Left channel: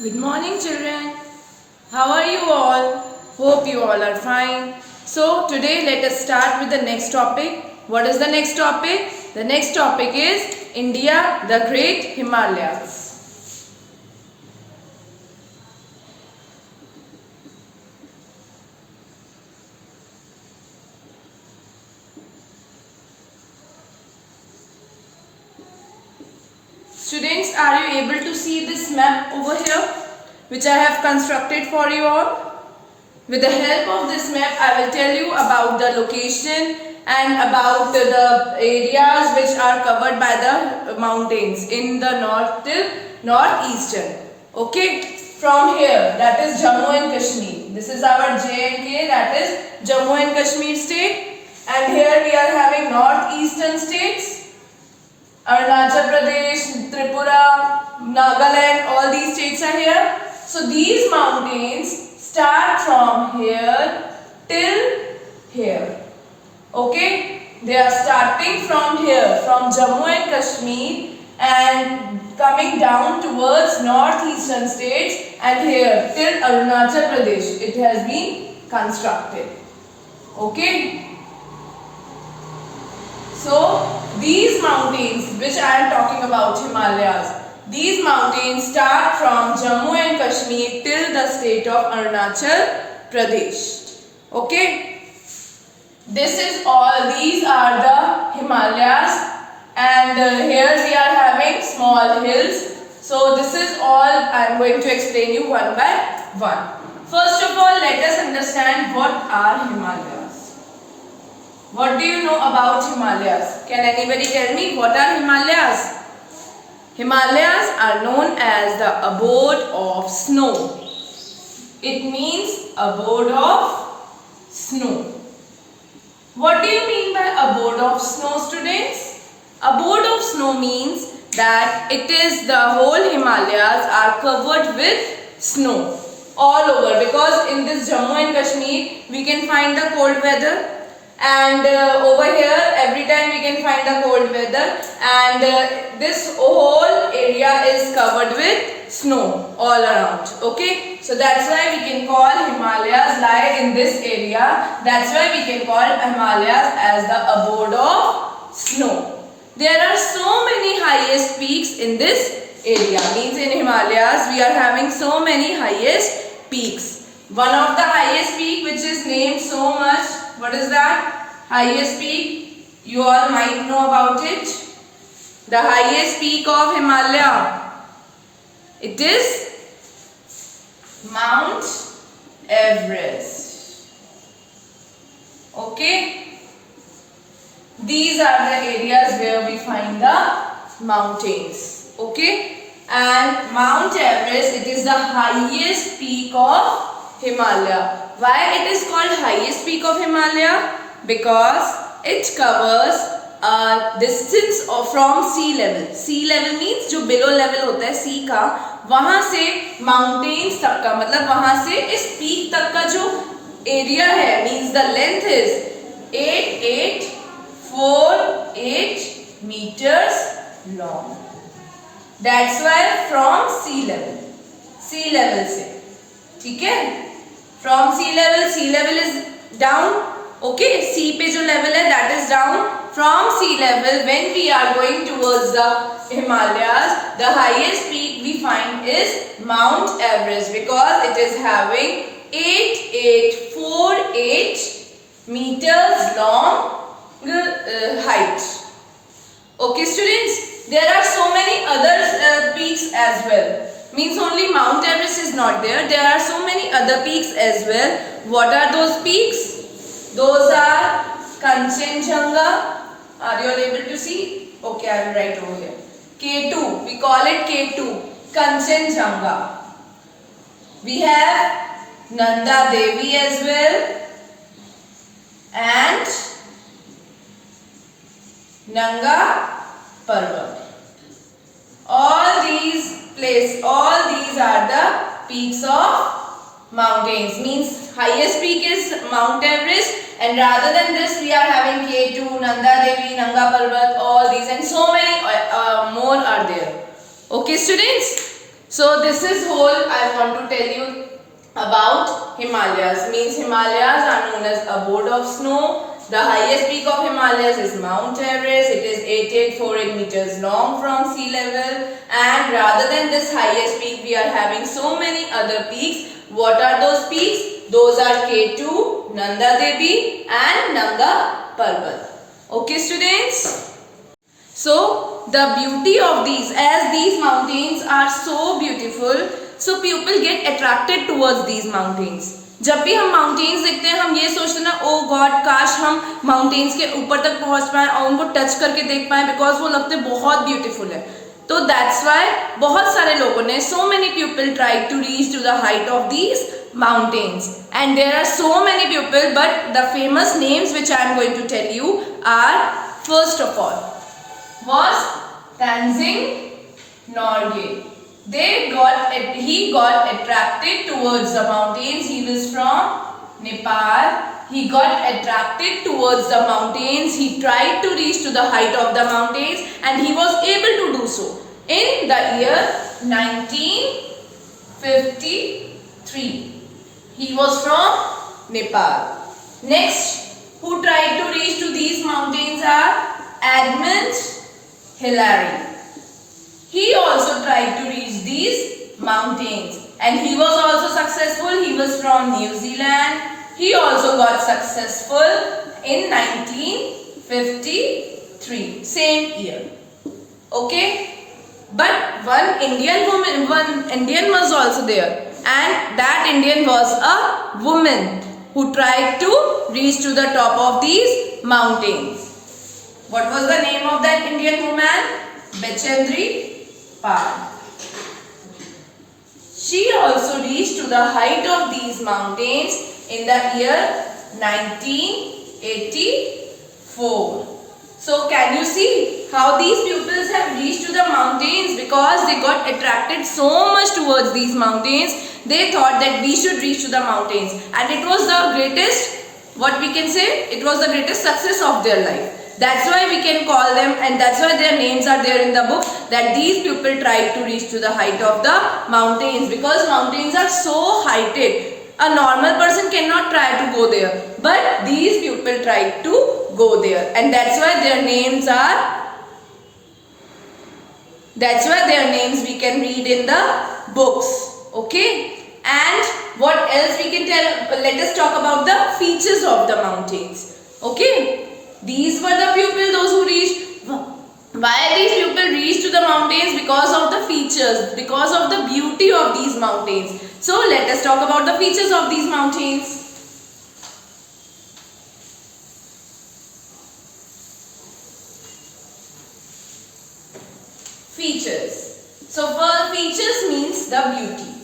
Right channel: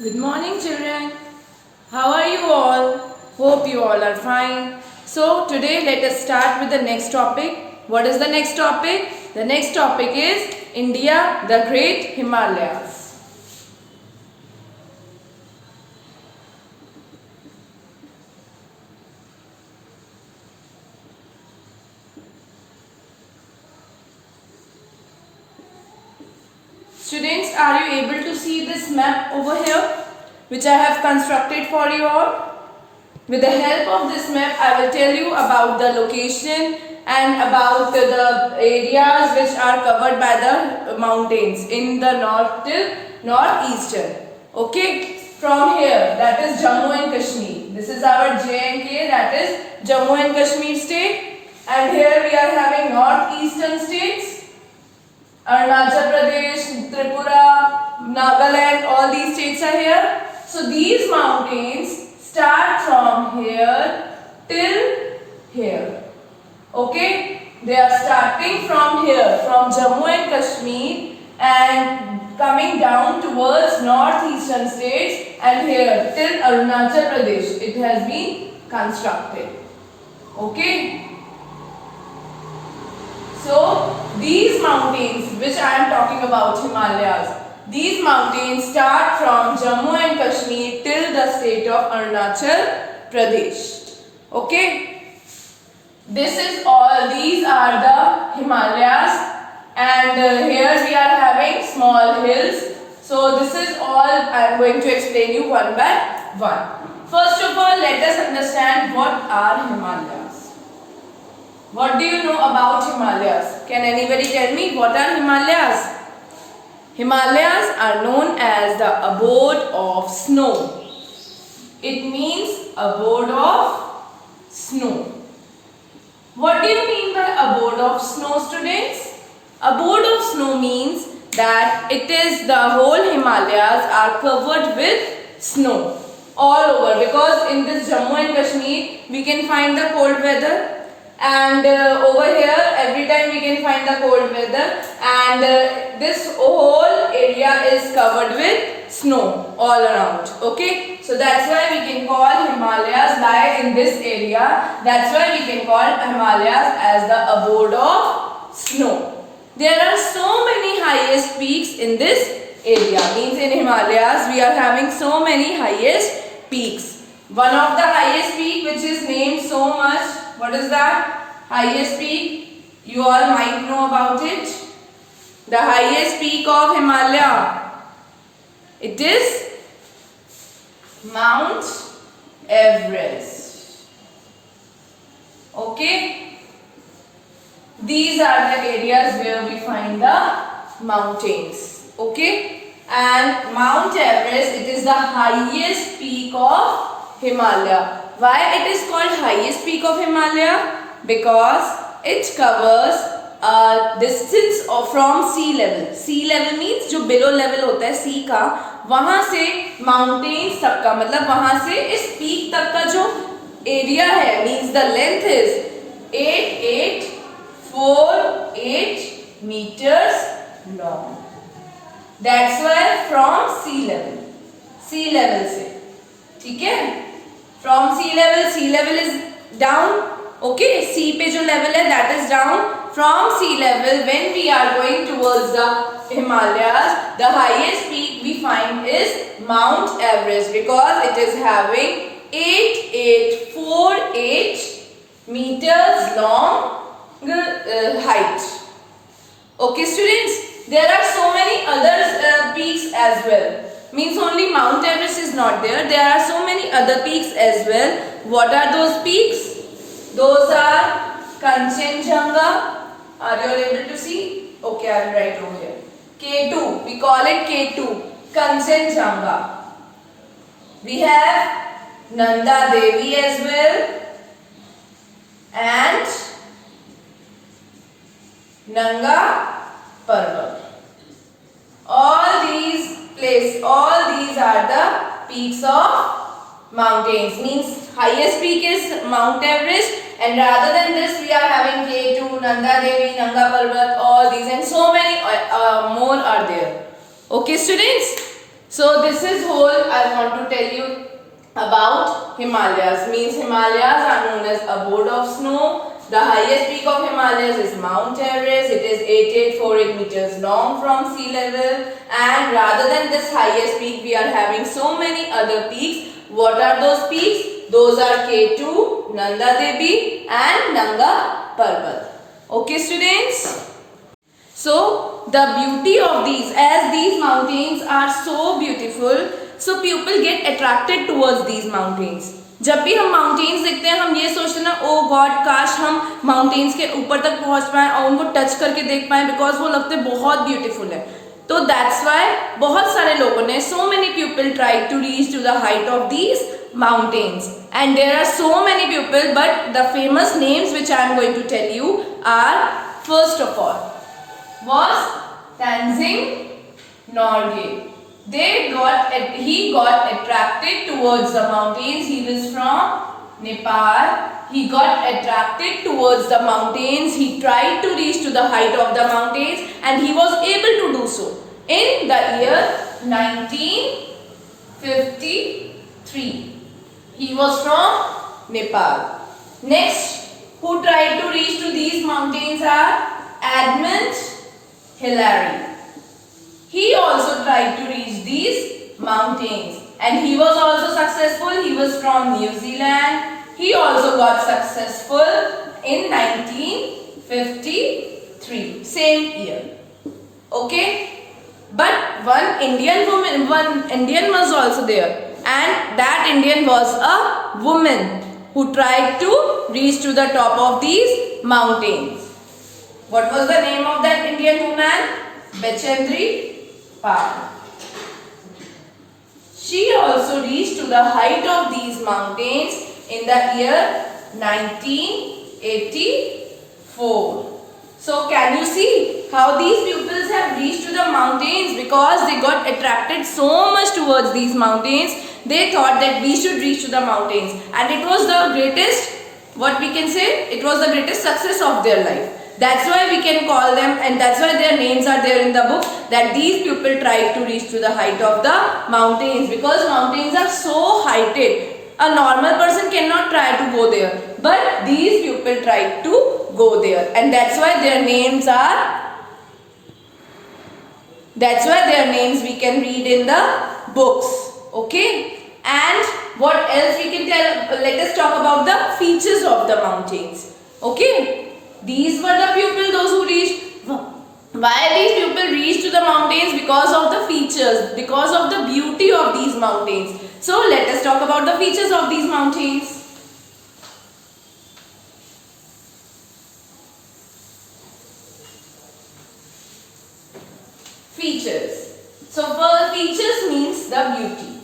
Good morning, children. How are you all? Hope you all are fine. So, today let us start with the next topic. What is the next topic? The next topic is India, the Great Himalayas. Students, are you able to see this map over here, which I have constructed for you all? With the help of this map, I will tell you about the location and about the areas which are covered by the mountains in the north till northeastern. Okay, from here, that is Jammu and Kashmir. This is our J&K, that is Jammu and Kashmir state. And here we are having northeastern states. Arunachal Pradesh, Tripura, Nagaland, all these states are here. So these mountains start from here till here. Okay, they are starting from here, from Jammu and Kashmir, and coming down towards northeastern states, and here till Arunachal Pradesh it has been constructed. Okay. So these mountains which I am talking about, Himalayas, these mountains start from Jammu and Kashmir till the state of Arunachal Pradesh. Okay. This is all, these are the Himalayas, and here we are having small hills. So this is all I am going to explain you one by one. First of all, let us understand what are Himalayas. What do you know about Himalayas? Can anybody tell me what are Himalayas? Himalayas are known as the abode of snow. It means abode of snow. What do you mean by abode of snow, students? Abode of snow means that it is the whole Himalayas are covered with snow all over, because in this Jammu and Kashmir we can find the cold weather. And over here every time we can find the cold weather, and this whole area is covered with snow all around. Okay, so that's why we can call Himalayas lie in this area. That's why we can call Himalayas as the abode of snow. There are so many highest peaks in this area. Means in Himalayas we are having so many highest peaks. One of the highest peak which is named so much. What is that? Highest peak. You all might know about it. The highest peak of Himalaya. It is Mount Everest. Okay. These are the areas where we find the mountains. Okay. And Mount Everest, it is the highest peak of Himalaya. Why it is called highest peak of Himalaya? Because it covers a distance from sea level. Sea level means जो below level होता है sea का, वहाँ से mountains तक का, मतलब वहाँ से इस peak तक का जो area है, means the length is 8848 meters long. That's why from sea level से, ठीक है? From sea level is down. Okay, sea पे जो level है that is down. From sea level, when we are going towards the Himalayas, the highest peak we find is Mount Everest, because it is having 8848 meters long height. Okay, students, there are so many other peaks as well. Means only Mount Everest is not there. There are so many other peaks as well. What are those peaks? Those are Kanchenjunga. Are you able to see? Okay, I will write over here. K2. We call it K2. Kanchenjunga. We have Nanda Devi as well. And Nanga Parvat. All these are the peaks of mountains. Means highest peak is Mount Everest, and rather than this we are having K2, Nanda Devi, Nanga Parvat, all these, and so many more are there. Okay, students? So this is whole I want to tell you about Himalayas. Means Himalayas are known as abode of snow. The highest peak of Himalayas is Mount Everest. It is 8848 meters long from sea level. And rather than this highest peak, we are having so many other peaks. What are those peaks? Those are K2, Nanda Devi and Nanga Parbat. Okay students? So the beauty of these, as these mountains are so beautiful, so people get attracted towards these mountains. जब भी हम mountains देखते हैं हम ये सोचते हैं ना, ओ गॉड काश हम माउंटेन्स के ऊपर तक पहुंच पाएं और उनको टच करके देख पाएं, बिकॉज वो लगते बहुत ब्यूटीफुल है. तो दैट्स वाई बहुत सारे लोगों ने, so many people try to reach to the height of these mountains, and there are so many people, but the famous names which I am going to tell you are, first of all was Tenzing Norgay. He got attracted towards the mountains. He was from Nepal. He got attracted towards the mountains. He tried to reach to the height of the mountains, and he was able to do so in the year 1953. He was from Nepal. Next, who tried to reach to these mountains are Edmund Hillary. He also tried to reach these mountains, and he was also successful. He was from New Zealand. He also got successful in 1953, same year. Okay, but one Indian was also there, and that Indian was a woman who tried to reach to the top of these mountains. What was the name of that Indian woman? Bechendri Pal. She also reached to the height of these mountains in the year 1984. So can you see how these pupils have reached to the mountains? Because they got attracted so much towards these mountains, they thought that we should reach to the mountains, and it was the greatest, what we can say, it was the greatest success of their life. That's why we can call them, and that's why their names are there in the book, that these people tried to reach to the height of the mountains, because mountains are so heighted. A normal person cannot try to go there, but these people tried to go there, and that's why their names we can read in the books. Okay, and what else we can tell? Let us talk about the features of the mountains. Okay, these were the people, those who reached. Why these people reached to the mountains? Because of the features, because of the beauty of these mountains. So let us talk about the features of these mountains. Features. So first, features means the beauty.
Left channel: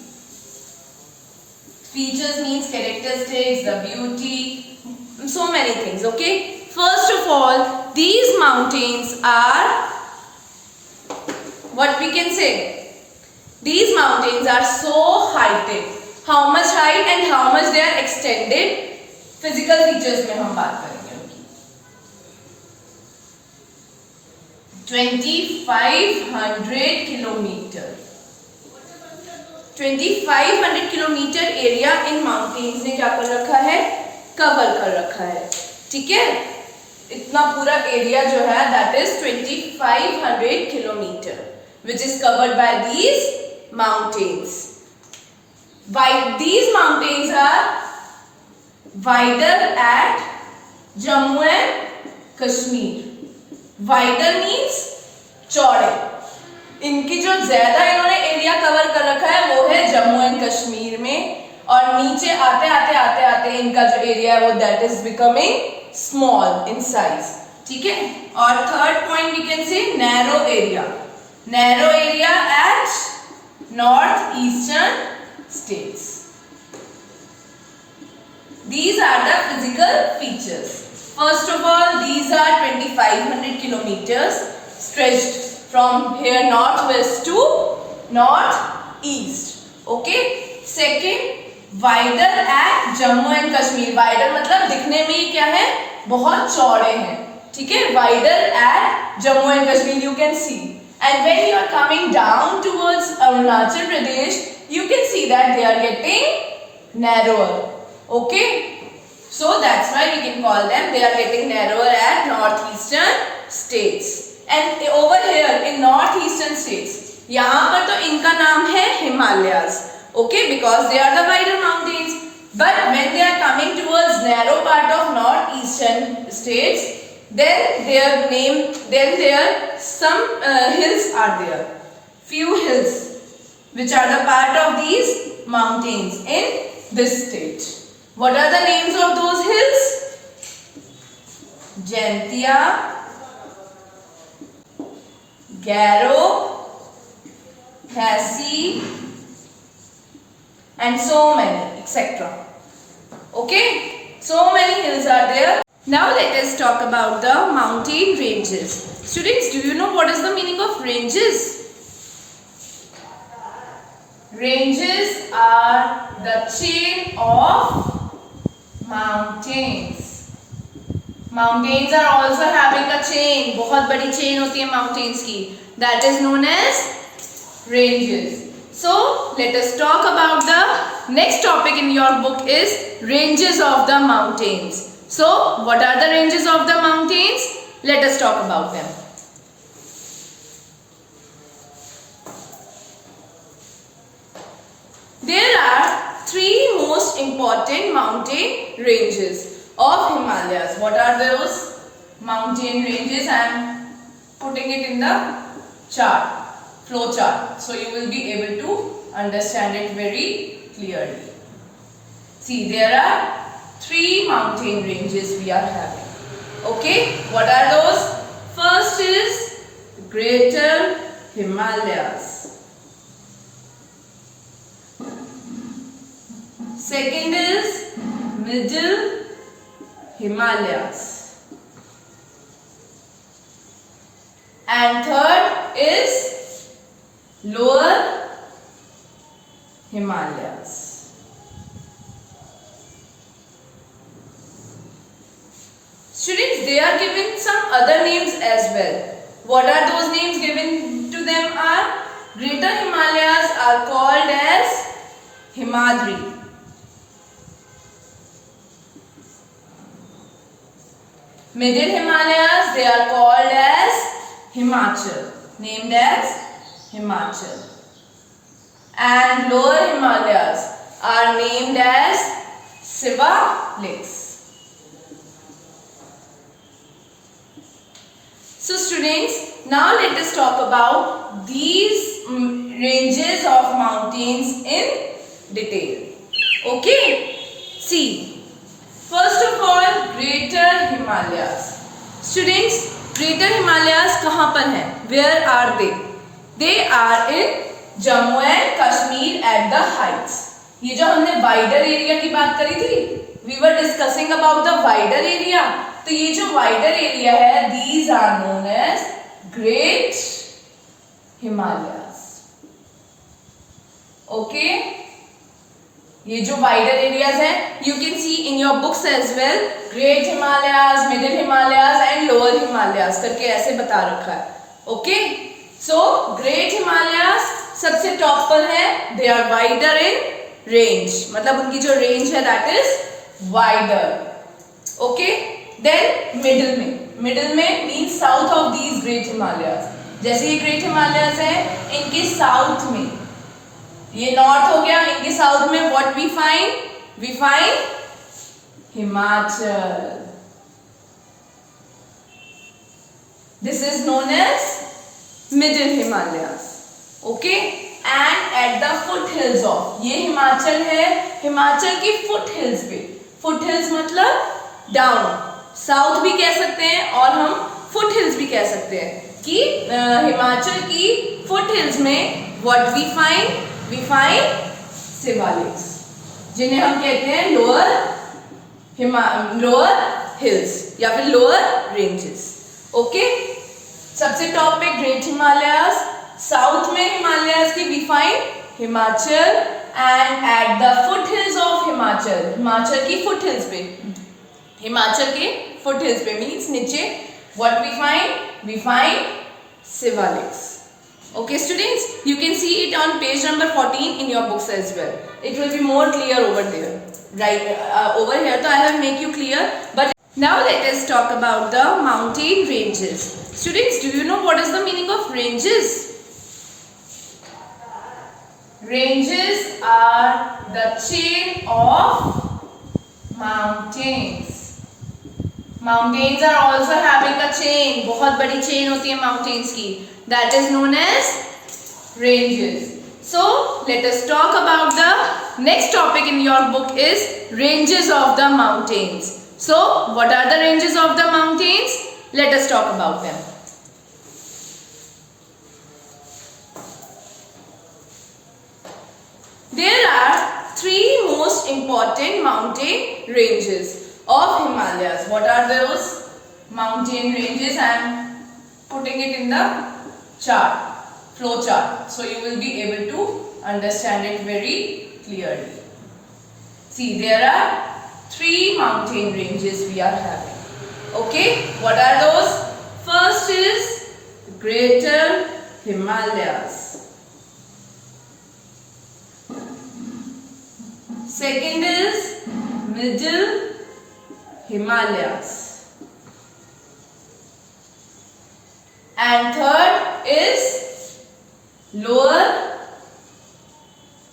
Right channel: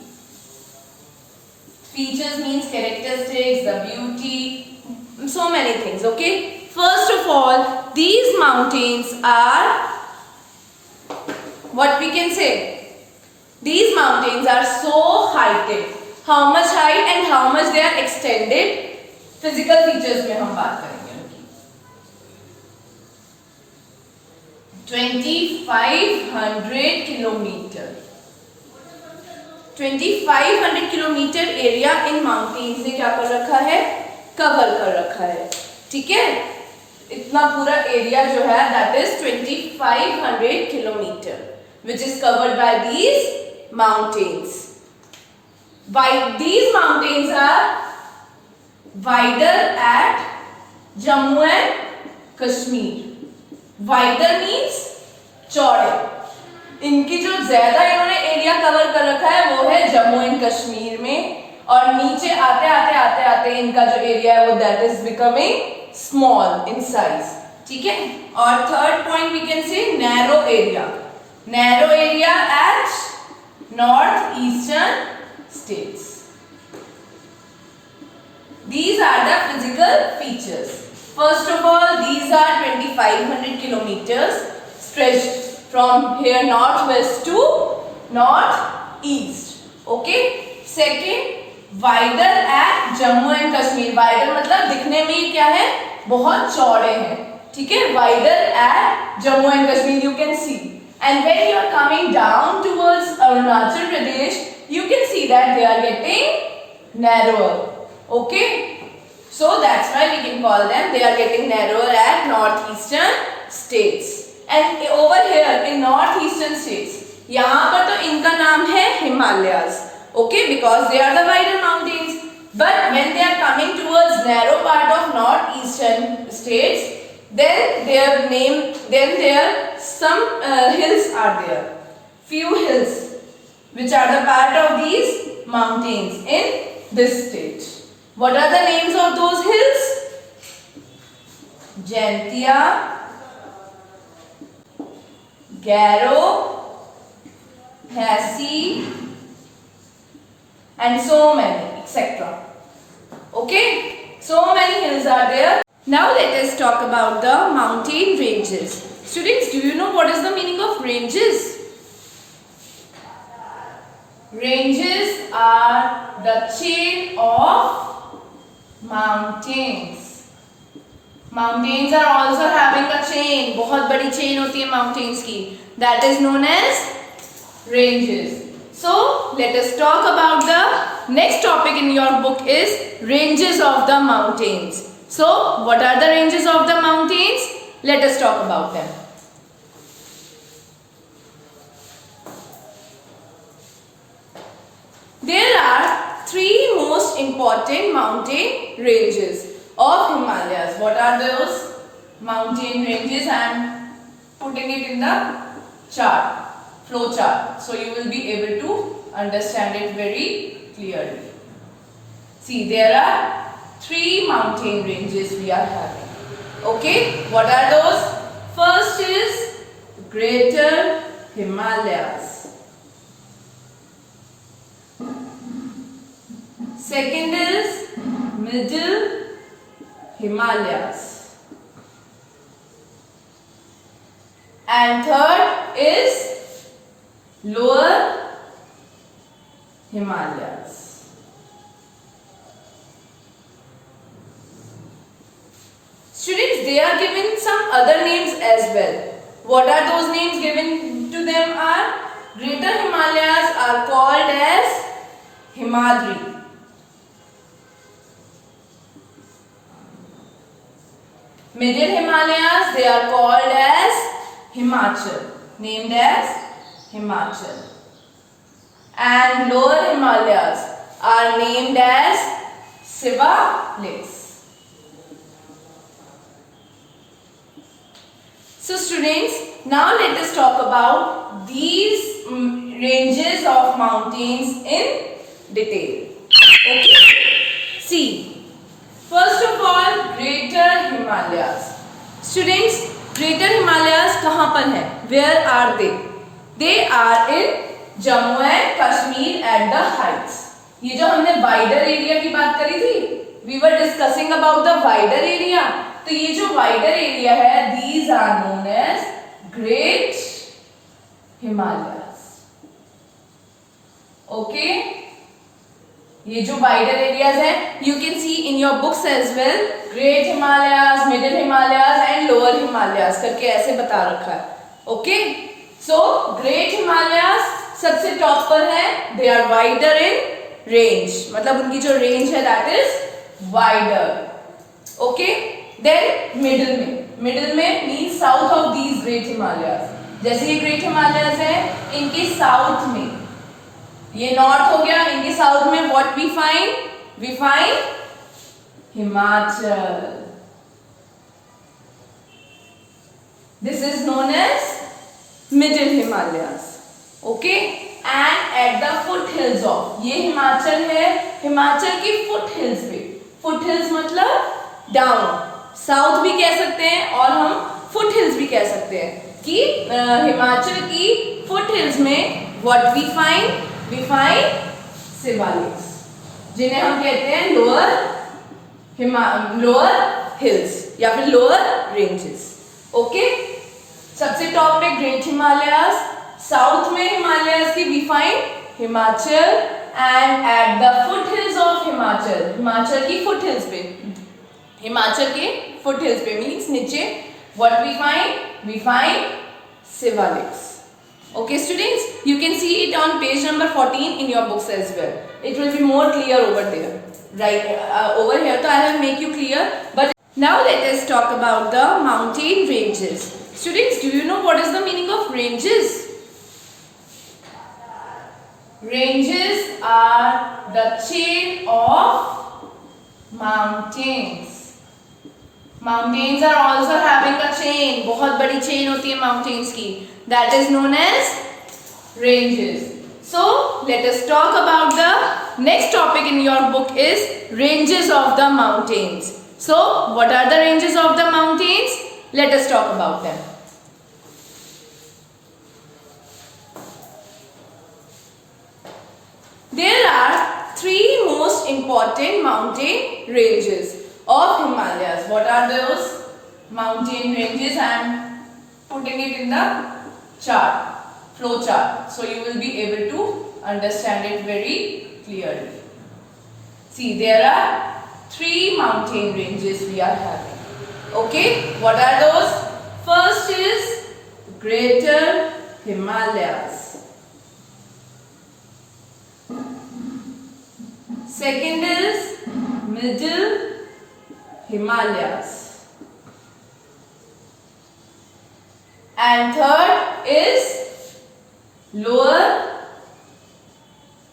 Features means characteristics, the beauty, so many things. Okay. First of all, these mountains are, what we can say, these mountains are so heighted. How much height and how much they are extended? Physical features में हम बात करेंगे उनकी. 2500 kilometre. 2500 kilometre area in mountains ने क्या कर रखा है? कवर कर रखा है. ठीक है, इतना पूरा एरिया जो है that is 2500 kilometer, which is covered by these mountains. These mountains are wider at Jammu and Kashmir. Wider means चौड़े. इनकी जो ज्यादा इन्होंने एरिया कवर कर रखा है वो है जम्मू एंड कश्मीर में, और नीचे आते आते इनका जो एरिया है वो that is becoming small in size. ठीक है, और third point we can say narrow area at north eastern states. These are the physical features. First of all, these are 2500 kilometers stretched from here northwest to northeast. Okay. Second, wider at Jammu and Kashmir. Wider मतलब दिखने में क्या है? बहुत चौड़े हैं. ठीक है, wider at Jammu and Kashmir you can see. And when you are coming down towards Arunachal Pradesh, you can see that they are getting narrower. Okay, so that's why we can call them, they are getting narrower at northeastern states. And over here in northeastern states, यहाँ पर तो इनका नाम है Himalayas. Okay, because they are the wider mountains. But when they are coming towards narrow part of northeastern states, then there some hills are there, few hills which are the part of these mountains in this state. What are the names of those hills? Jaintia, Garo, Khasi, and so many, etc. Okay, so many hills are there. Now let us talk about the mountain ranges. Students, do you know what is the meaning of ranges? Ranges are the chain of mountains. Mountains are also having a chain. बहुत बड़ी chain होती है mountains की. That is known as ranges. So let us talk about the next topic in your book is ranges of the mountains. So what are the ranges of the mountains? Let us talk about them. There are three most important mountain ranges of Himalayas. What are those mountain ranges? I am putting it in the chart, flow chart, so you will be able to understand it very clearly. See, there are three mountain ranges we are having. Okay, what are those? First is Greater Himalayas. Second is Middle Himalayas. And third is Lower Himalayas. Students, they are given some other names as well. What are those names given to them are? Greater Himalayas are called as Himadri. Middle Himalayas, they are called as Himachal, named as Himachal. And Lower Himalayas are named as Shivaliks. So students, now let us talk about these ranges of mountains in detail. Okay, see, first of all, Greater Himalayas. Students, Greater Himalayas कहाँ पर हैं? Where are they? They are in Jammu and Kashmir at the heights. ये जो हमने wider area की बात करी थी, we were discussing about the wider area. तो ये जो wider area है, these are known as Great Himalayas. Okay, ये जो wider areas हैं, you can see in your books as well, Great Himalayas, Middle Himalayas and Lower Himalayas करके ऐसे बता रखा है. Okay, so Great Himalayas सबसे टॉप पर है, they are wider in range, मतलब उनकी जो range है that is wider. Okay, then middle में means south of these Great Himalayas. जैसे ये Great Himalayas है, इनके south में, ये north हो गया, इनके south में what we find? We find Himachal. This is known as Middle Himalayas. Okay, and at the foothills of, ये हिमाचल है, हिमाचल की foothills पे, foothills मतलब down, साउथ भी कह सकते हैं और हम foothills भी कह सकते हैं कि हिमाचल की foothills में what we find Shivaliks, जिन्हें हम कहते हैं lower hills या फिर lower ranges. Okay, सबसे टॉप पे ग्रेट हिमालयास, साउथ में हिमालयास की we find Himachal, and at the foothills of Himachal, Himachal की foothills पे, हिमाचल के foothills पे मीन्स नीचे what we find Shivaliks. Okay students, you can see it on page number 14 in your books as well. It will be more clear over there. Right, over here so I will make you clear. But now let us talk about the mountain ranges. Students, do you know what is the meaning of ranges? Ranges are the chain of mountains. Mountains are also having a chain. बहुत बड़ी chain होती है mountains की. That is known as ranges. So let us talk about the next topic in your book is ranges of the mountains. So what are the ranges of the mountains? Let us talk about them. There are three most important mountain ranges of Himalayas. What are those mountain ranges? I am putting it in the chart, flow chart, so you will be able to understand it very clearly. See, there are three mountain ranges we are having. Okay, what are those? First is Greater Himalayas. Second is Middle Himalayas. And third is Lower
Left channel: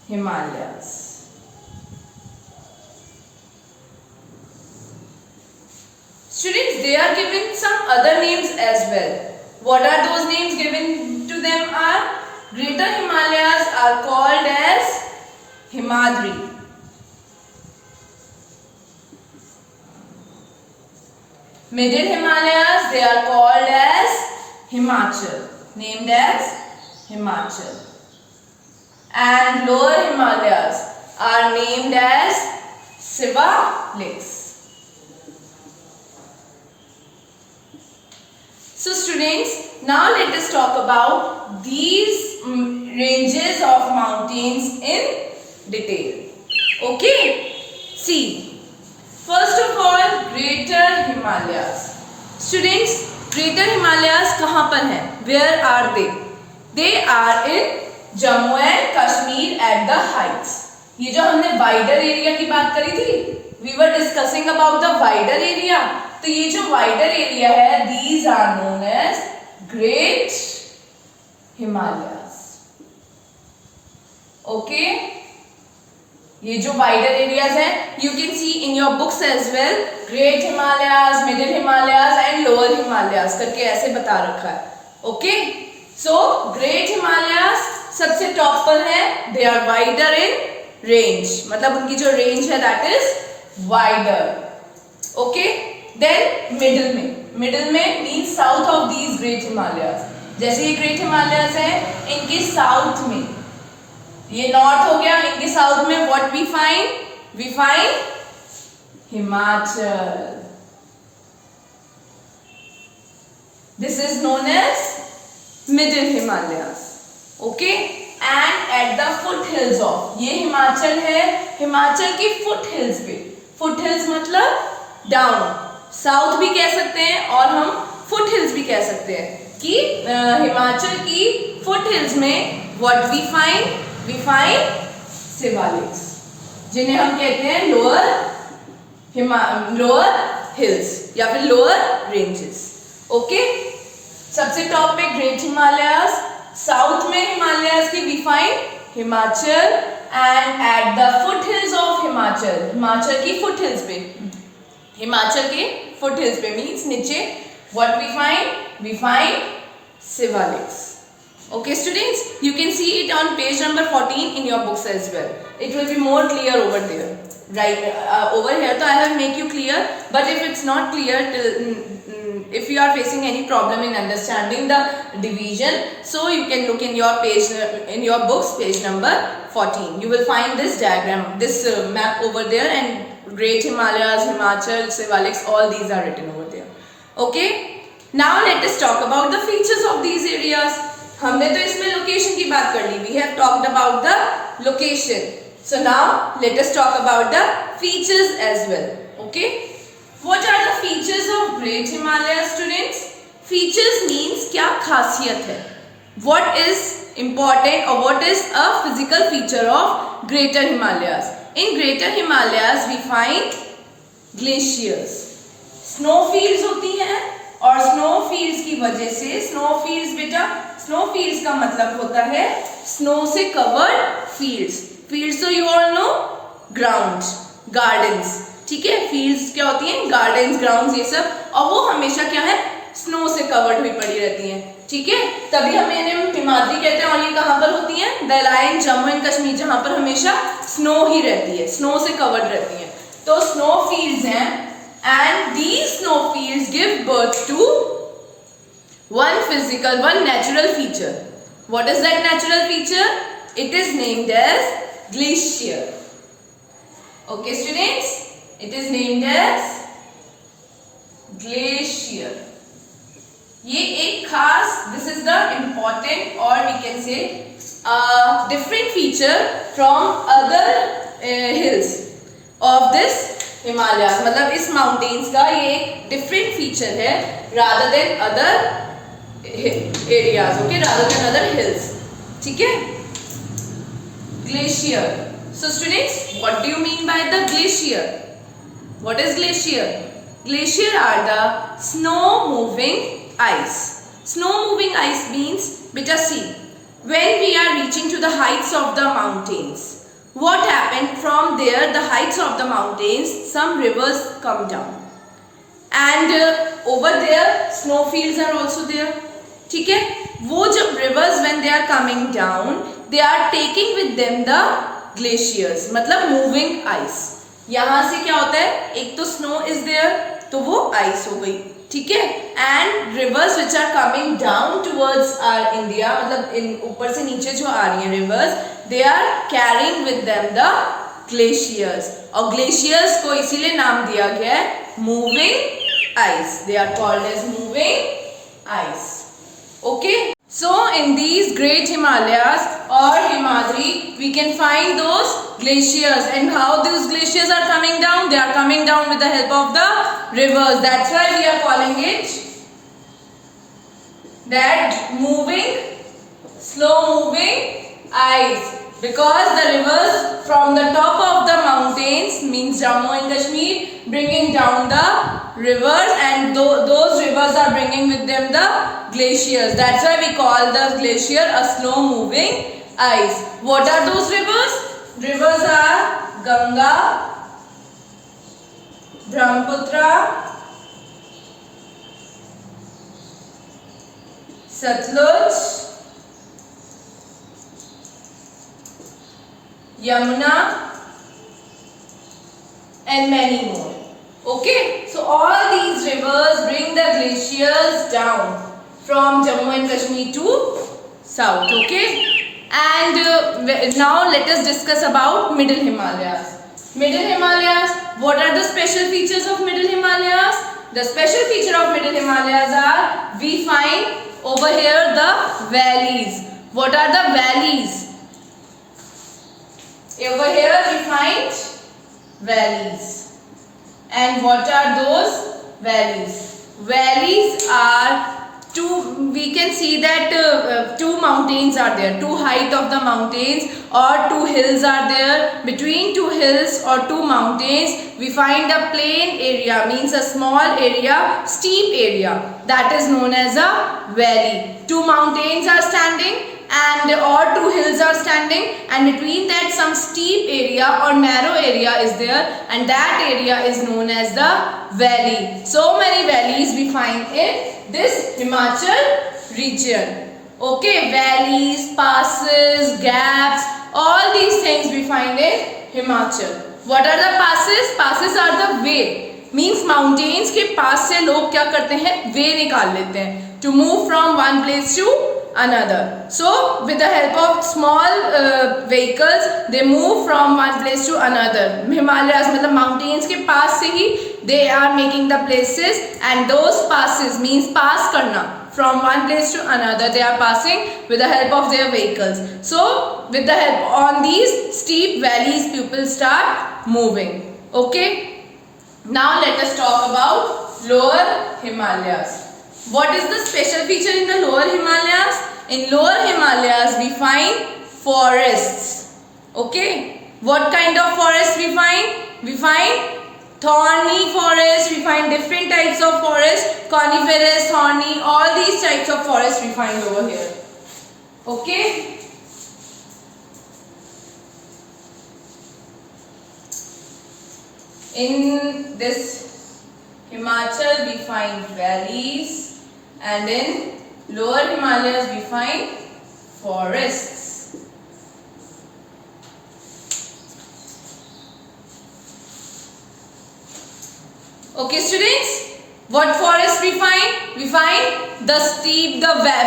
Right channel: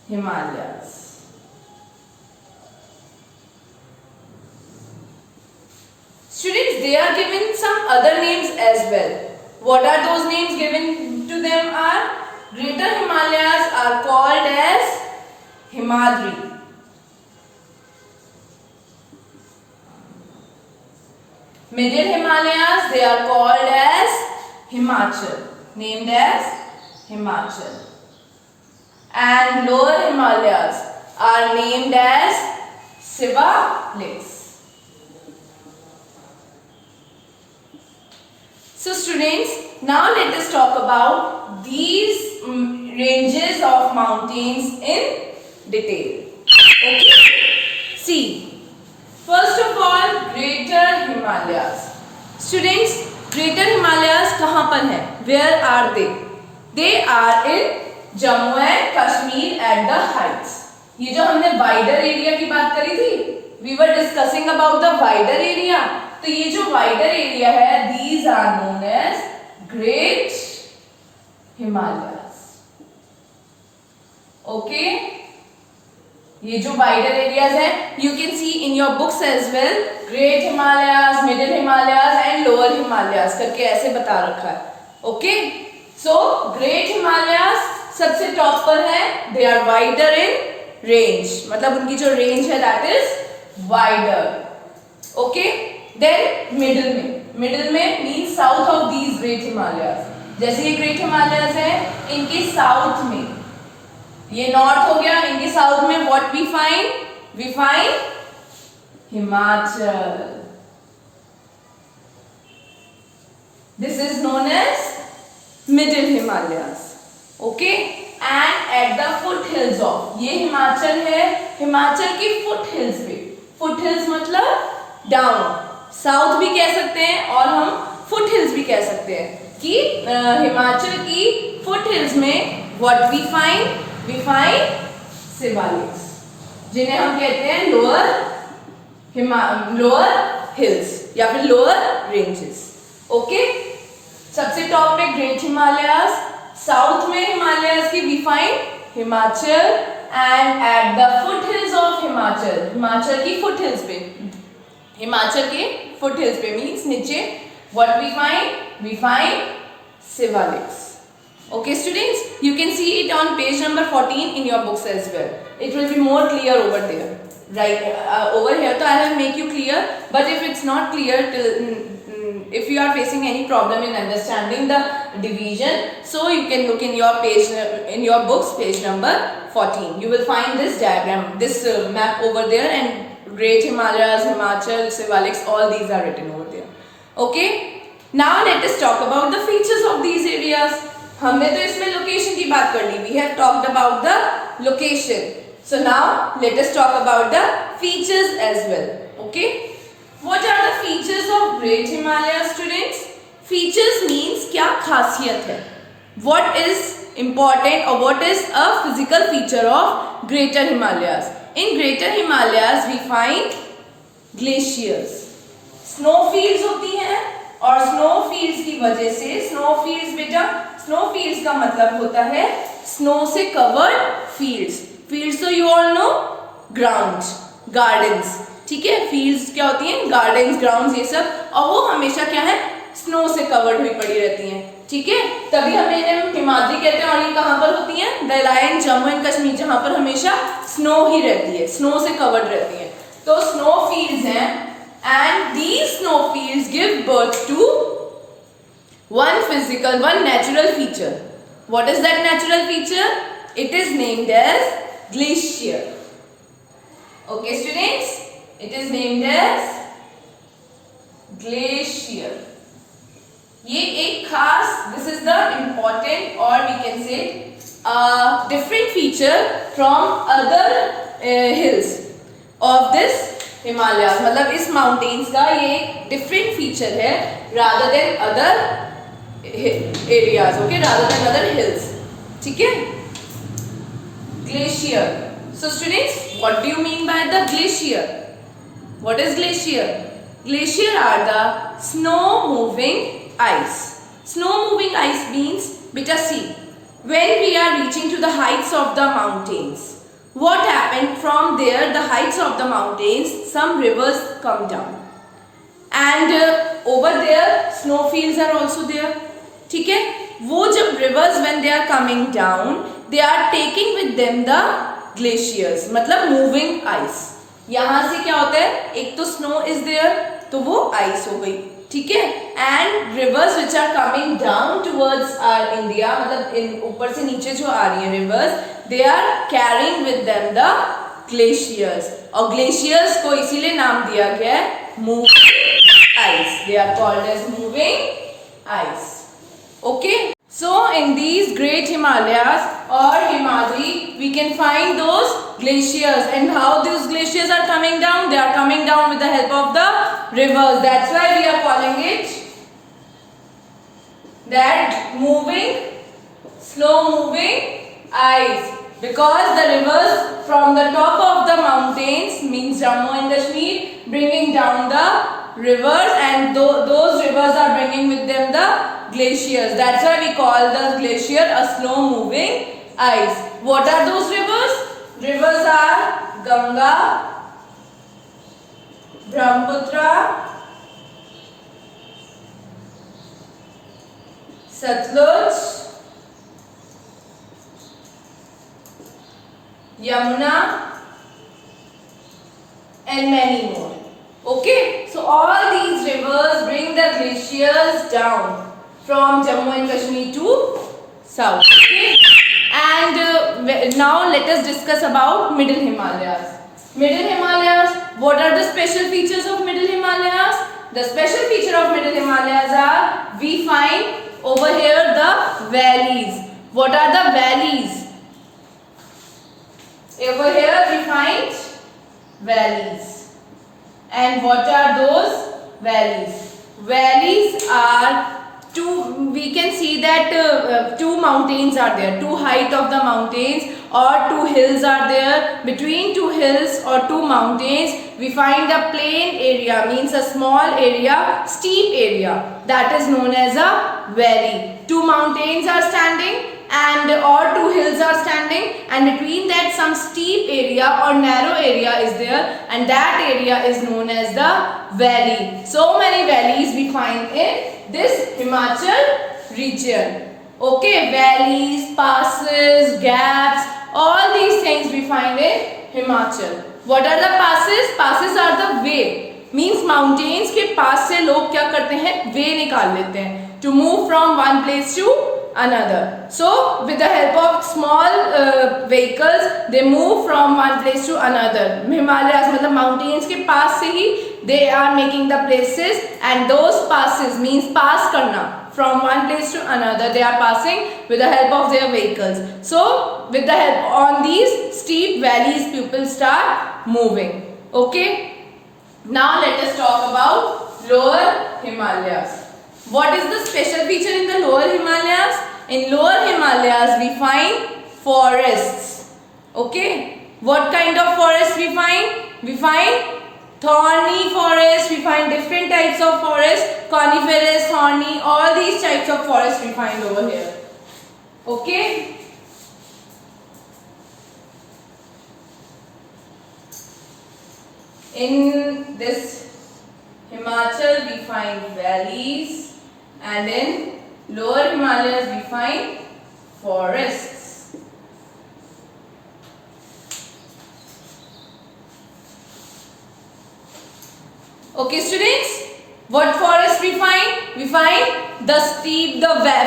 Himalayas. Students, they are given some other names as well. What are those names given to them are? Greater Himalayas are called as Himadri. Middle Himalayas, they are called as Himachal, named as Himachal. And lower Himalayas are named as Shivaliks. So students, now let us talk about these ranges of mountains in detail. Okay? See. First of all, Greater Himalayas. Students, Greater Himalayas कहाँ पर हैं? Where are they? They are in Jammu and Kashmir at the heights. ये जो हमने wider area की बात करी थी, we were discussing about the wider area. तो ये जो wider area है, these are known as Great Himalayas. Okay? ये जो wider areas हैं, you can see in your books as well, Great Himalayas, Middle Himalayas and Lower Himalayas करके ऐसे बता रखा है. Okay? So Great Himalayas सबसे top पर है, they are wider in range. मतलब उनकी जो range है that is wider. Okay? Then middle में means south of these Great Himalayas. जैसे ये Great Himalayas हैं, इनके south में ये नॉर्थ हो गया, इनके साउथ में what we find Himachal. This is known as middle Himalayas. Okay, and at the foot hills of, ये हिमाचल है, हिमाचल की फुट हिल्स पे. फुट हिल्स मतलब डाउन, साउथ भी कह सकते हैं और हम फुट हिल्स भी कह सकते हैं कि हिमाचल की फुट हिल्स में व्हाट वी फाइंड शिवालिक्स, जिन्हें हम कहते हैं लोअर हिल्स या फिर लोअर रेंजेस. ओके, सबसे टॉप पे ग्रेट हिमालयास, साउथ में हिमालयास की we find Himachal, and at the foot hills of Himachal, Himachal की फुट हिल्स पे, हिमाचल के फुट हिल्स पे मीन्स नीचे, what we find Shivaliks. Okay students, you can see it on page number 14 in your books as well. It will be more clear over there. Right, over here so I will make you clear, but if it's not clear, if you are facing any problem in understanding the division, so you can look in your page, in your books, page number 14. You will find this diagram, this map over there, and Great Himalayas, Himachal, Shivaliks, all these are written over there. Okay, now let us talk about the features of these areas. हमने तो इसमें location की बात कर ली. We have talked about the location. So now let us talk about the features as well. Okay? What are the features of Great Himalayas, students? Features means क्या खासियत है. what is important or what is a physical feature of Greater Himalayas? In Greater Himalayas we find glaciers. Snowfields होती हैं और snowfields की वजह से snowfields बेटा snowfields का मतलब होता है snow से covered fields. Fields तो you all know grounds, gardens. ठीक है, fields क्या होती हैं? Gardens, grounds ये सब, और वो हमेशा क्या है? स्नो से कवर्ड हुई पड़ी रहती हैं. ठीक है, तभी हमें इन्हें हिमाद्री कहते हैं. और ये कहाँ पर होती हैं? The line Jammu and Kashmir, जहां पर हमेशा स्नो ही रहती है, स्नो से कवर्ड रहती है. तो स्नो फील्ड्स हैं and these snow fields give birth to one natural feature. What is that natural feature? It is named as glacier. Okay students, it is named as glacier. ये एक खास, this is the important or we can say different feature from other hills of this Himalayas. मतलब इस mountains का ये एक different feature है rather than other areas, okay, rather than other hills. ठीक है, glacier. So students, what do you mean by the glacier? What is glacier? Glacier are the snow moving ice. Snow moving ice means, beta see, when we are reaching to the heights of the mountains, what happened from there, the heights of the mountains, some rivers come down and over there snowfields are also there. ठीक है, वो जब rivers when they are coming down, they are taking with them the glaciers, मतलब moving ice. यहाँ से क्या होता है, एक तो snow is there तो वो ice हो गई. ठीक है, and rivers which are coming down towards our India, मतलब इन ऊपर से नीचे जो आ रही हैं rivers, they are carrying with them the glaciers. और ग्लेशियर्स को इसीलिए नाम दिया गया है moving ice. They are called as moving ice. Okay, so in these great Himalayas or Himadri we can find those glaciers, and how these glaciers are coming down? They are coming down with the help of the rivers. That's why we are calling it that moving, slow moving ice, because the rivers from the top of the mountains, means Jammu and Kashmir, bringing down the rivers, and those rivers are bringing with them the glaciers. That's why we call the glacier a slow moving ice. What are those rivers? Rivers are Ganga, Brahmaputra, Satluj, Yamuna and many more. Okay, so all these rivers bring the glaciers down from Jammu and Kashmir to south. Okay, and now let us discuss about Middle Himalayas. Middle Himalayas, what are the special features of Middle Himalayas? The special feature of Middle Himalayas are, we find over here the valleys. What are the valleys? Over here we find valleys. And what are those valleys? Valleys are two, we can see that two mountains are there, two height of the mountains or two hills are there. Between two hills or two mountains we find a plain area, means a small area, steep area, that is known as a valley. Two mountains are standing and or two hills are standing, and between that some steep area or narrow area is there, and that area is known as the valley. So many valleys we find in this Himachal region. Okay, valleys, passes, gaps, all these things we find in Himachal. What are the passes? Passes are the way, means mountains के पास से लोग क्या करते हैं, way निकाल लेते हैं to move from one place to another. So with the help of small vehicles they move from one place to another. Himalayas मतलब mountains के पास से ही they are making the places, and those passes means pass करना, from one place to another they are passing with the help of their vehicles. So with the help on these steep valleys people start moving. Okay, now let us talk about lower Himalayas. What is the special feature in the lower Himalayas? In lower Himalayas we find forests. Okay, what kind of forest we find? We find thorny forest, we find different types of forest, coniferous, thorny, all these types of forest we find over here. Okay. In this Himachal we find valleys, and in lower Himalayas we find forests. Okay students, what forest we find? We find the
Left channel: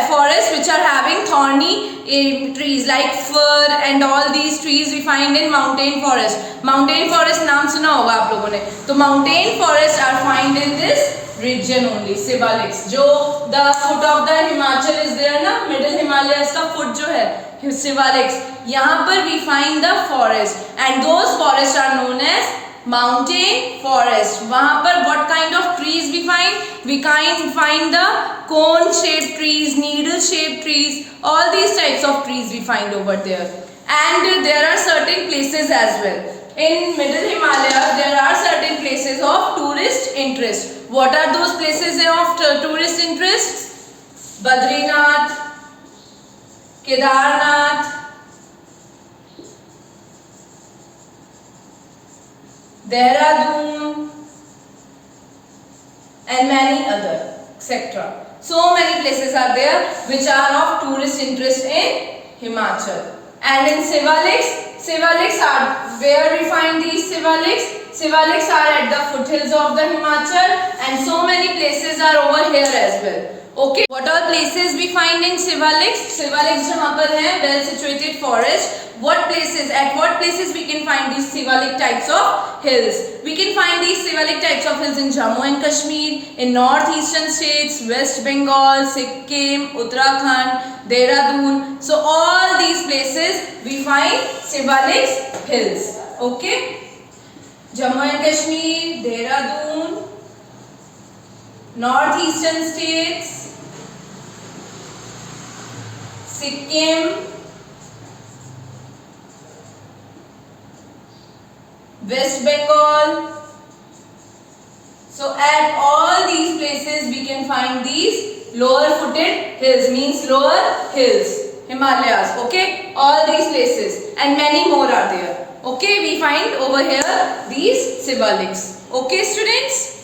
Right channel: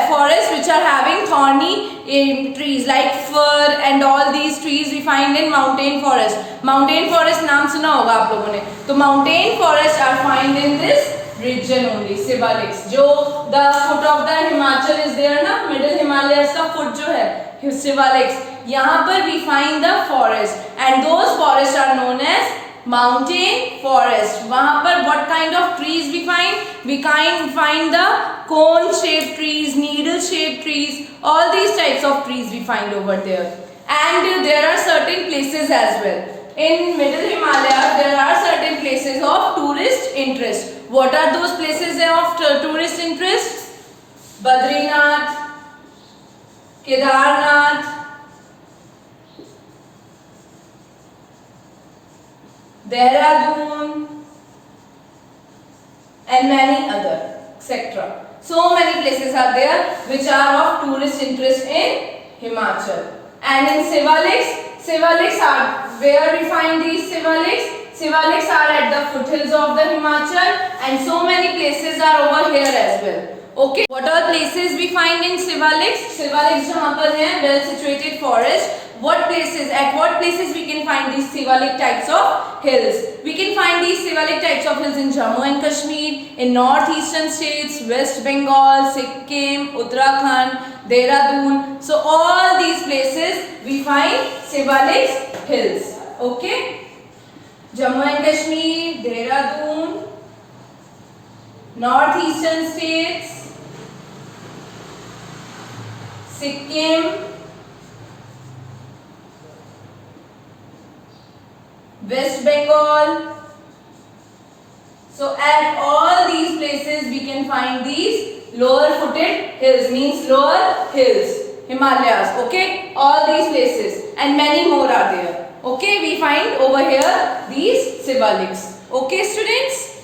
forest which are having thorny trees like fir and all these trees we find in mountain forest. Mountain forest नाम सुना होगा आप लोगों ने. तो mountain forests are found in this region only, Siwaliks. जो the foot of the Himachal is there ना, middle Himalayas का foot जो है Siwaliks, यहाँ पर we find the forest, and those forests are known as mountain forest. वहाँ पर what kind of trees we find? We find the cone shaped trees, needle shaped trees, all these types of trees we find over there. And there are certain places as well. In middle Himalaya there are certain places of tourist interest. What are those places of tourist interest? Badrinath, Kedarnath, Dehradun, and many other, etc. So many places are there which are of tourist interest in Himachal. And in Siwaliks are where we find these Siwaliks. Siwaliks are at the foothills of the Himachal, and so many places are over here as well. Okay, what are places we find in Siwaliks? Siwaliks जहाँ पर है well situated forest. What places we can find these Siwalik types of hills? We can find these Siwalik types of hills in Jammu and Kashmir, in northeastern states, West Bengal, Sikkim, Uttarakhand, Dehradun. So all these places we find Siwalik hills. Okay, Jammu and Kashmir, Dehradun, northeastern states, Sikkim, West Bengal. So at all these places we can find these lower footed hills, means lower hills, Himalayas. Okay, all these places and many more are there. Okay, we find over here these Siwaliks. Okay students.